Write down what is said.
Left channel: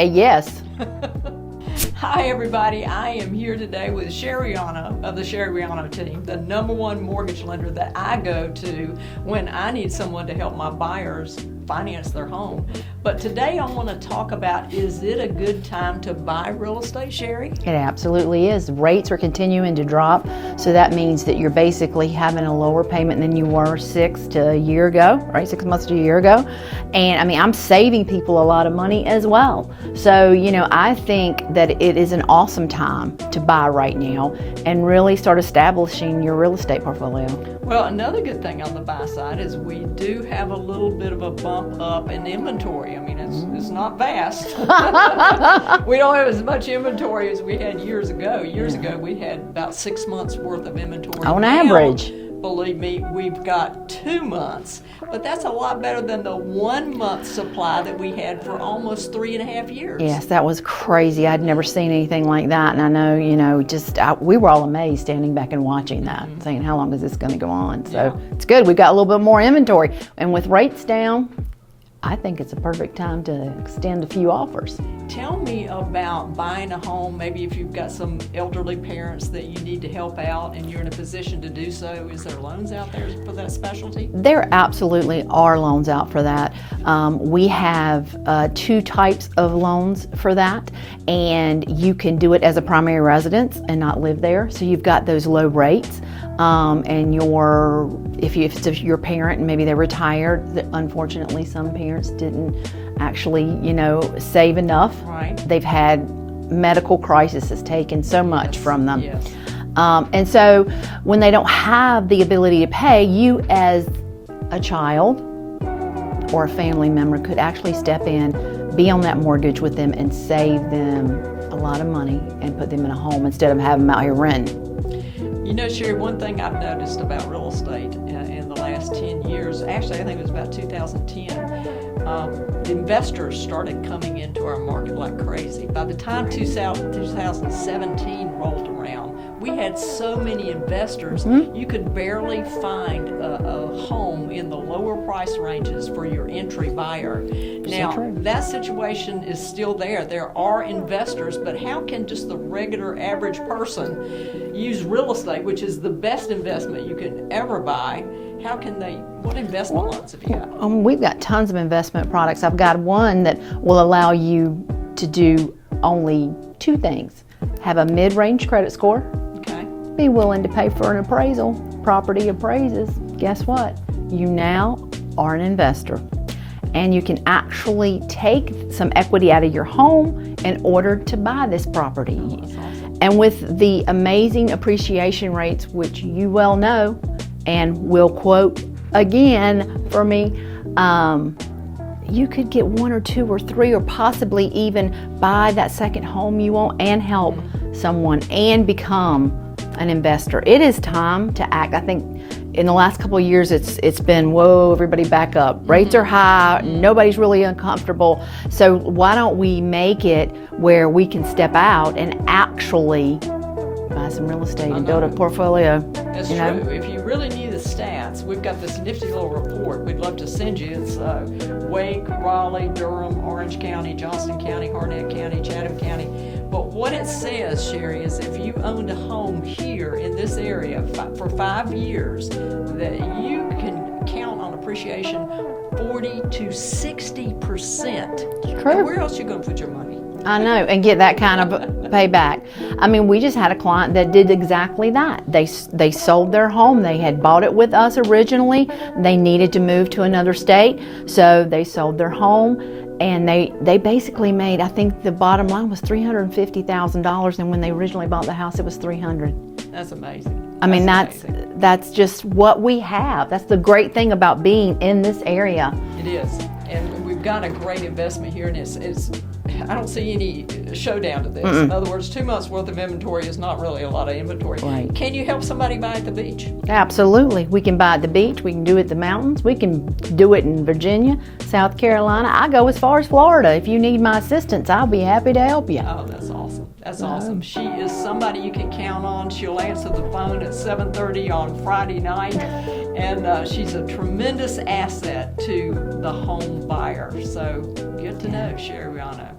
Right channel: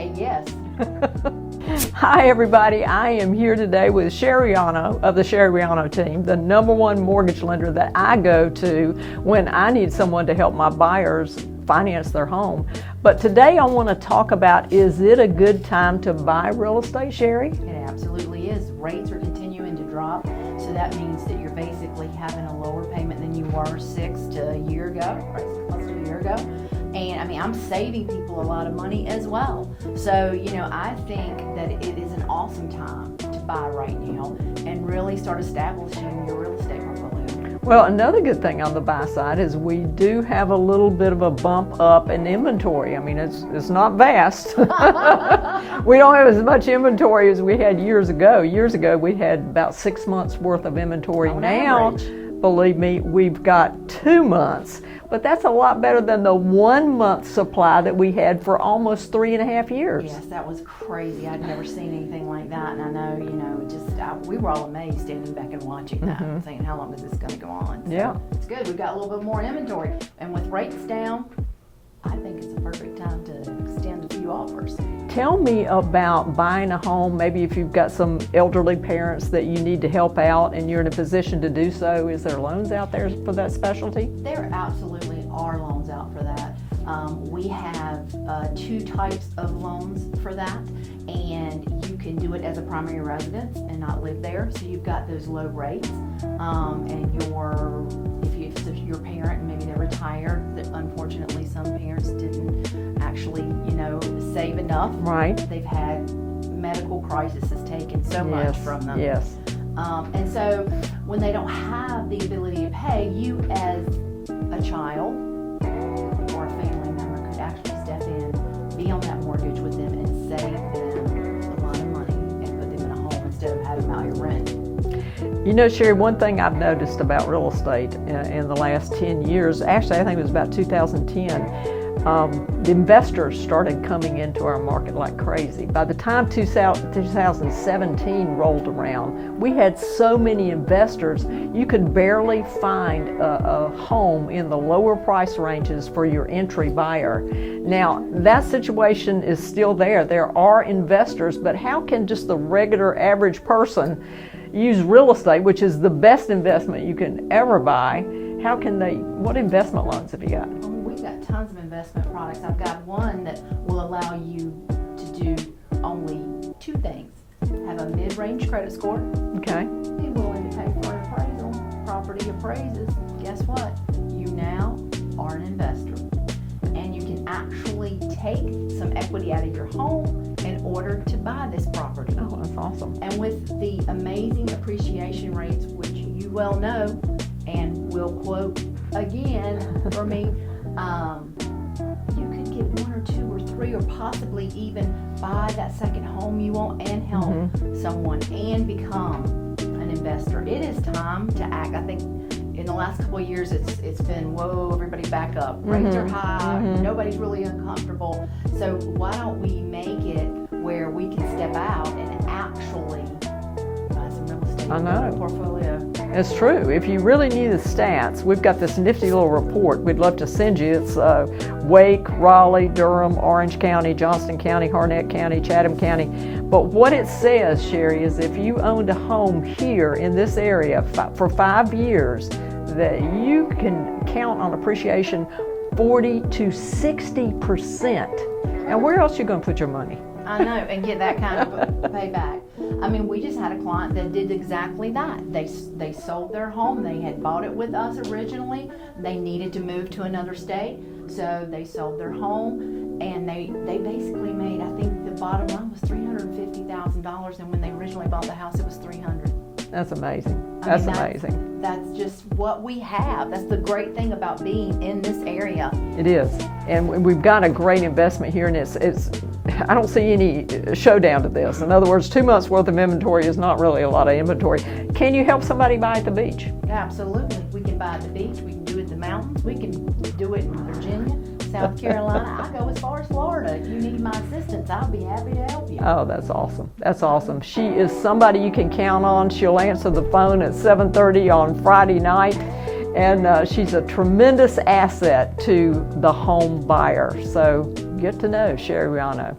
say yes. Hi everybody, I am here today with Sherry Riano of the Sherry Riano team, the #1 mortgage lender that I go to when I need someone to help my buyers finance their home. But today I want to talk about, is it a good time to buy real estate, Sherry? It absolutely is. Rates are continuing to drop, so that means that you're basically having a lower payment than you were 6 to a year ago, right? 6 months to a year ago. And I mean, I'm saving people a lot of money as well. So, I think that it is an awesome time to buy right now and really start establishing your real estate portfolio. Well, another good thing on the buy side is we do have a little bit of a bump up in inventory. I mean, it's not vast. We don't have as much inventory as we had years ago. Years ago, we had about 6 months worth of inventory. On now, average. Believe me, we've got 2 months. But that's a lot better than the 1 month supply that we had for almost 3.5 years. Yes, that was crazy. I'd never seen anything like that. And I know, we were all amazed standing back and watching that, saying, how long is this going to go on? So It's good. We've got a little bit more inventory. And with rates down, I think it's a perfect time to extend a few offers. Tell me about buying a home, maybe if you've got some elderly parents that you need to help out and you're in a position to do so. Is there loans out there for that specialty? There absolutely are loans out for that. We have 2 types of loans for that, and you can do it as a primary residence and not live there. So you've got those low rates, and if it's your parent and maybe they're retired, unfortunately some parents didn't actually, save enough. Right. They've had medical crisis has taken so much from them. Yes. And so when they don't have the ability to pay, you as a child or a family member could actually step in, be on that mortgage with them and save them a lot of money and put them in a home instead of having them out here renting. Sherry, one thing I've noticed about real estate in the last 10 years, actually I think it was about 2010, investors started coming into our market like crazy. By the time 2017 rolled around, we had so many investors, you could barely find a home in the lower price ranges for your entry buyer. Now, that situation is still there. There are investors, but how can just the regular average person use real estate, which is the best investment you can ever buy? How can they, what investment loans have you got? We've got tons of investment products. I've got one that will allow you to do only 2 things. Have a mid-range credit score. Okay. Be willing to pay for an appraisal. Property appraises. Guess what? You now are an investor. And you can actually take some equity out of your home in order to buy this property. Oh, that's awesome. And with the amazing appreciation rates, which you well know, and will quote again for me, you could get 1 or 2 or 3 or possibly even buy that second home you want and help someone and become an investor. It is time to act. I think in the last couple of years it's been, whoa, everybody back up. Rates are high, nobody's really uncomfortable. So why don't we make it where we can step out and actually buy some real estate and build a portfolio. It's true. If you really need the stats, we've got this nifty little report we'd love to send you. It's Wake, Raleigh, Durham, Orange County, Johnston County, Harnett County, Chatham County. But what it says, Sherry, is if you owned a home here in this area for 5 years, that you can count on appreciation 40 to 60%. And where else are you going to put your money? I know, and get that kind of payback. I mean, we just had a client that did exactly that. They sold their home. They had bought it with us originally. They needed to move to another state, so they sold their home, and they basically made, I think the bottom line was $350,000, and when they originally bought the house, it was $300,000. That's amazing. That's just what we have. That's the great thing about being in this area. It is, and we've got a great investment here, and it's I don't see any showdown to this. In other words, 2 months worth of inventory is not really a lot of inventory. Right. Can you help somebody buy at the beach? Absolutely. We can buy at the beach. We can do it at the mountains. We can do it in Virginia, South Carolina. I go as far as Florida. If you need my assistance, I'll be happy to help you. Oh, that's awesome. That's awesome. She is somebody you can count on. She'll answer the phone at 7:30 on Friday night. And she's a tremendous asset to the home buyer. So get to know Sherry Riano.